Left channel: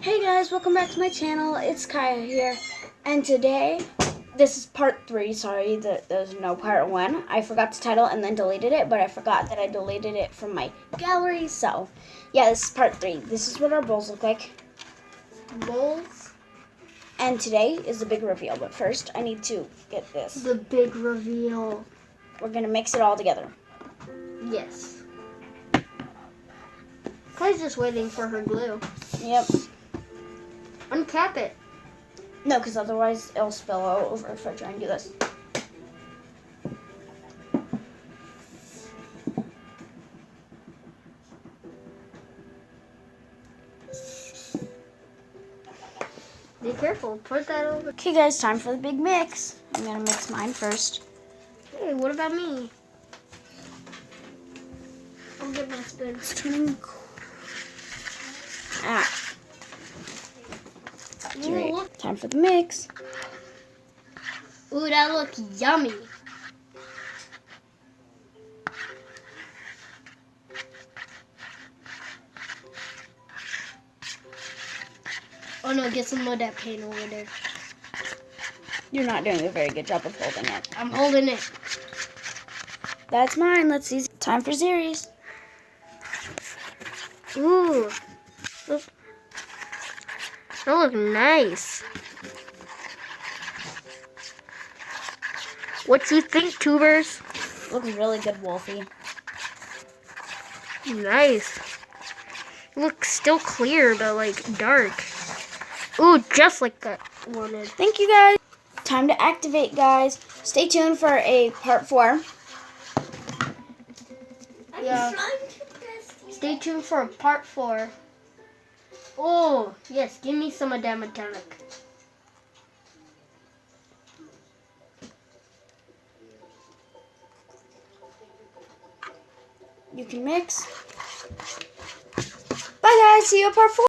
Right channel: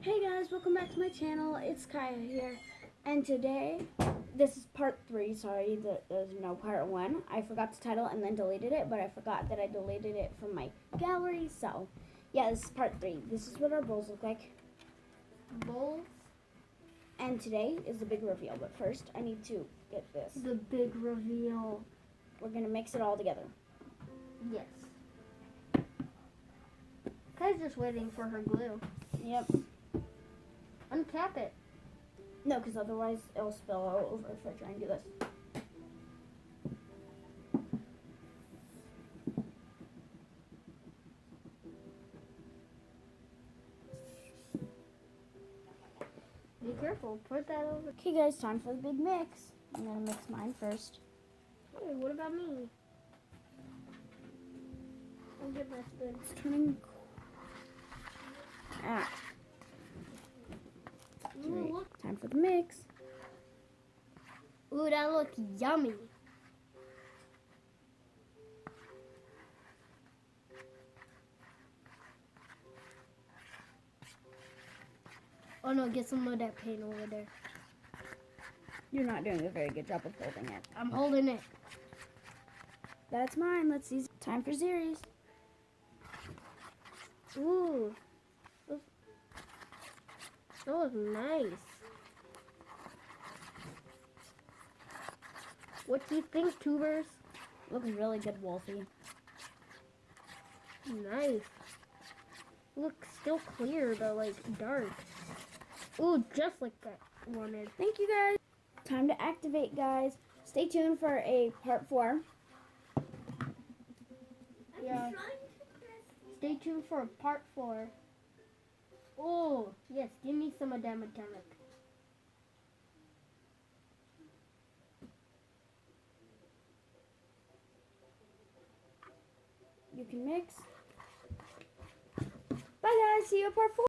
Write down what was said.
Hey guys, welcome back to my channel. It's Kaya here, and today, this is part 3. Sorry that there's no part 1. I forgot to title and then deleted it, but I forgot that I deleted it from my gallery, so yeah, this is part 3. This is what our bowls look like. Bowls? And today is the big reveal, but first I need to get this. The big reveal. We're gonna mix it all together. Yes. Kaya's just waiting for her glue. Yep. Uncap it. No, because otherwise it'll spill all over if I try and do this. Be careful. Put that over. Okay guys, time for the big mix. I'm gonna mix mine first. Hey, what about me? I'll get my spoon. It's turning cool. Ah. Ooh, look. Time for the mix. Ooh, that looks yummy. Oh no, get some of that paint over there. You're not doing a very good job of holding it. I'm holding it. That's mine. Let's see. Time for series. Ooh. Look. That looks nice. What do you think, tubers? Looks really good, Wolfie. Nice. Looks still clear, but like dark. Ooh, just like that wanted. Thank you, guys. Time to activate, guys. Stay tuned for a part 4. Yeah. Stay tuned for a part 4. Oh, yes. Give me some of that metallic. You can mix. Bye, guys. See you at part 4.